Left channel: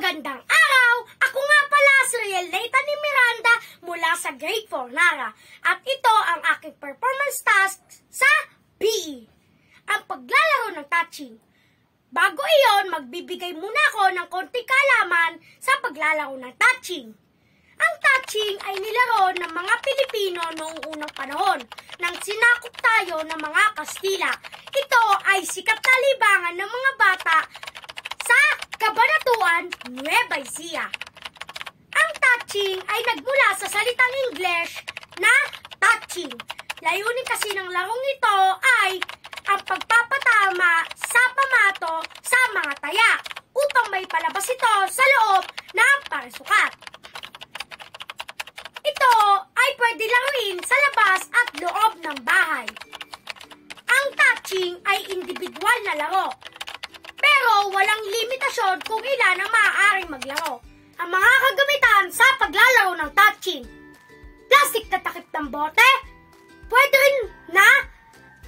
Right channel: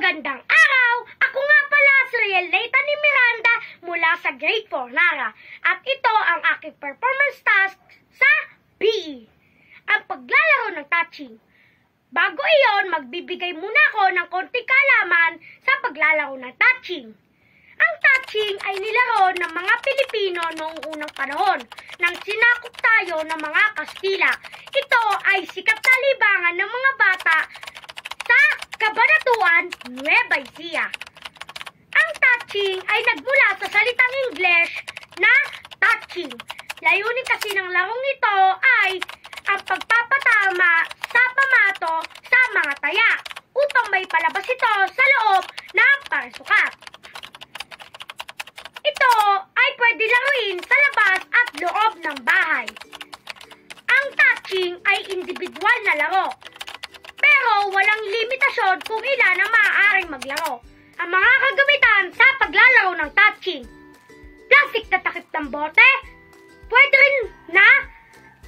Magandang araw! Ako nga pala si Riel Nathan ni Miranda mula sa Grade 4 Nara. At ito ang aking performance task sa PE. Ang paglalaro ng touching. Bago iyon, magbibigay muna ako ng konting kaalaman sa paglalaro ng touching. Ang touching ay nilaro ng mga Pilipino noong unang panahon nang sinakop tayo ng mga Kastila. Ito ay sikat na libangan ng mga bata sa Cabanatuan, Nueva Ecija. Ang touching ay nagmula sa salitang English na touching. Layunin kasi ng larong ito ay ang pagpapatama sa pamato sa mga taya upang may palabas ito sa loob ng parisukat. Ito ay pwede laruin sa labas at loob ng bahay. Ang touching ay individual na laro. Pero walang limitasyon kung ilan ang maaaring maglaro. Ang mga kagamitan sa paglalaro ng touching. Plastic na takip ng bote, pwede rin na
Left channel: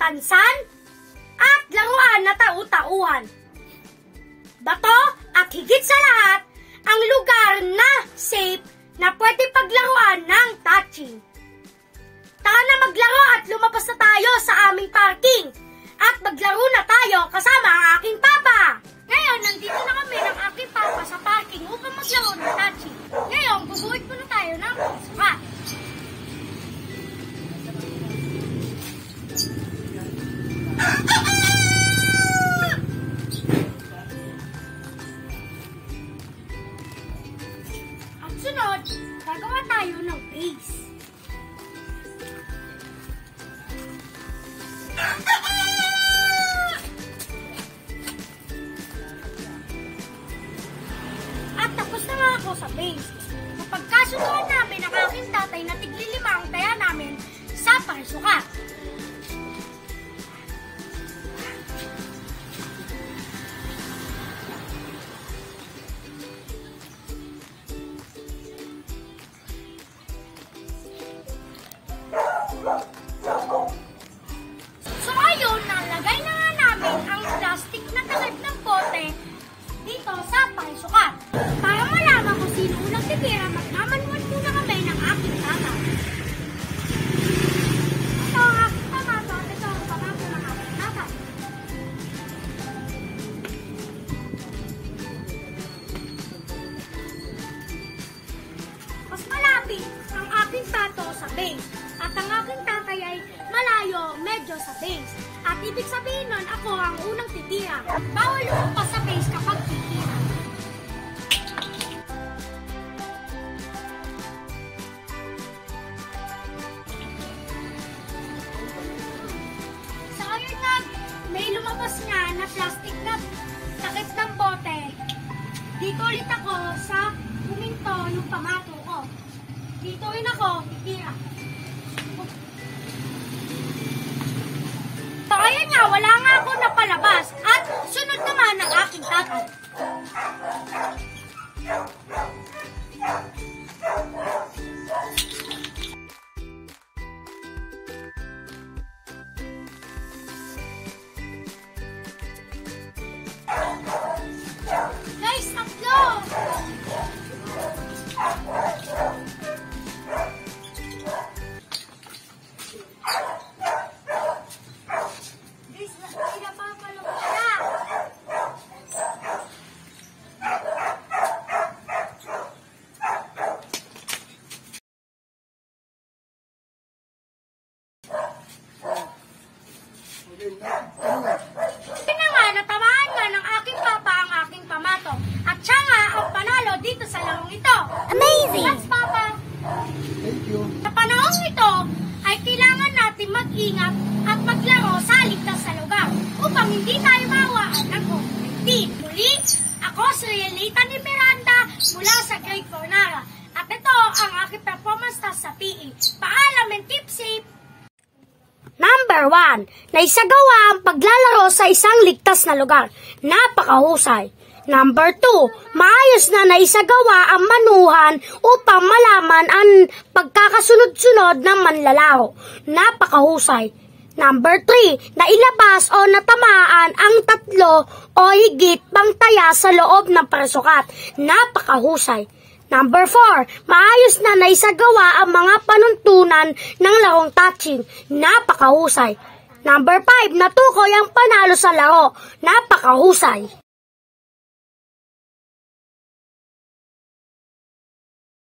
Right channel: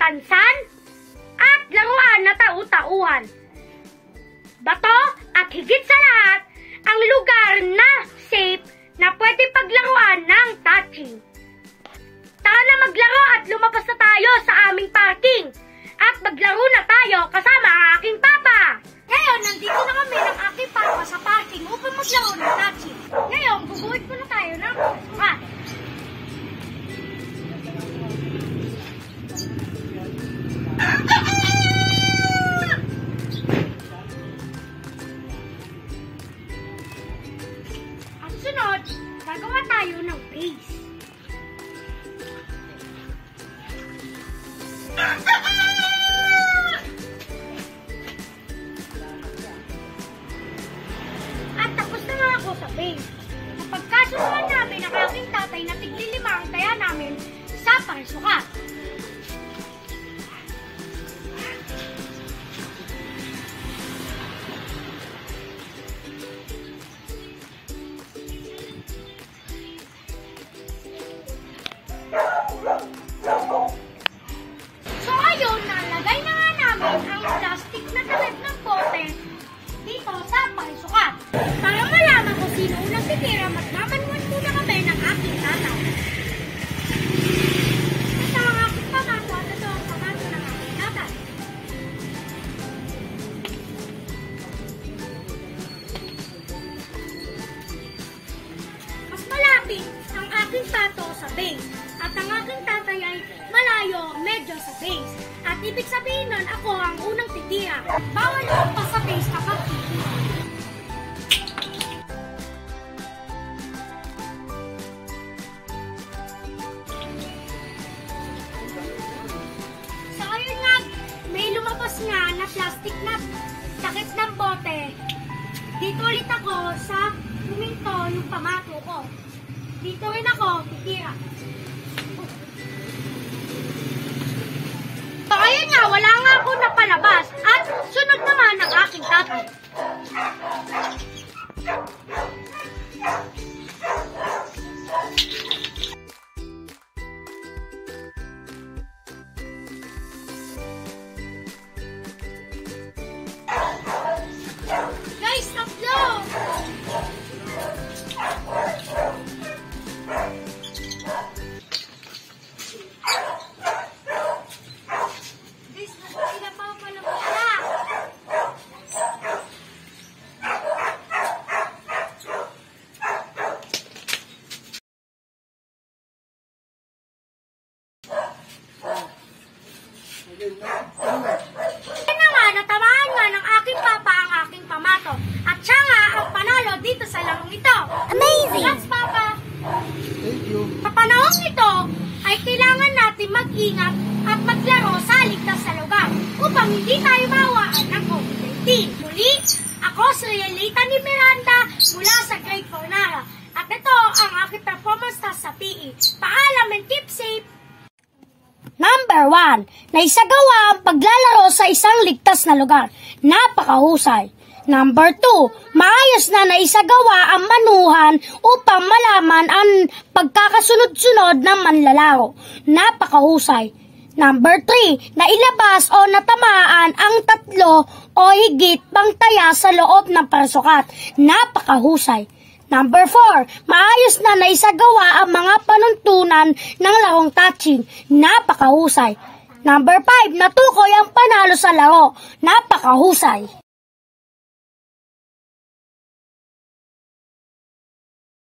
tansan, at laruan na tau-tauhan. Bato at higit sa lahat, ang lugar na safe na pwede paglaruan ng touching. Tara na maglaro at lumabas na tayo sa aming parking. At maglaro na tayo kasama ang aking papa. Ngayon, nandito na kami ng aking papa sa parking upang maglaro ng touching. Ngayon, bubuhit muna tayo ng pasukat. At sunod, gagawa tayo ng base. At tapos na nga ako sa base. Kapag kasunduan namin ang aking tatay na tigli-5 ang taya namin sa parisukat. So ayun, nalagay na nga namin ang plastic na takip ng bote dito sa parisukat. Para malaman kung sino unang titira, magmamanuan muna kami ng aking tatay. Ito ang aking pamato at ito ang pamato ng aking tatay. Mas malapit ang aking pato sa base at ang aking tatay ay malayo medyo sa base. At ibig sabihin nun, ako ang unang titira. Bawal lumampas sa base kapag titira. So ayun nga, may lumabas nga na plastic na takip ng bote. Dito ulit ako sa huminto yung pamato ko. Dito rin ako titira. So ayun nga, wala nga ako napalabas at sunod naman ang aking tatay. Guys, upload! Kaya nga, natamaan nga ng aking papa ang aking pamato. At siya nga ang panalo dito sa larong ito. Amazing! Thanks, Papa! Thank you. Sa panahon ito, ay kailangan natin mag-ingat at maglaro sa ligtas sa lugar upang hindi tayo mawaan ng COVID-19. Muli, ako si Riel Nathan ni Miranda mula sa Grade 4 Nara. At ito ang aking performance task sa PE. Paalam and keep safe! Number 1. Naisagawa ang paglalaro sa isang ligtas na lugar. Napakahusay. Number 2. Maayos na naisagawa ang manuhan upang malaman ang pagkakasunod-sunod ng manlalaro. Napakahusay. Number 3, nailabas o natamaan ang 3 o higit pang taya sa loob ng parasukat. Napakahusay. Number 4, maayos na naisagawa ang mga panuntunan ng larong touching. Napakahusay. Number 5, natukoy ang panalo sa laro. Napakahusay.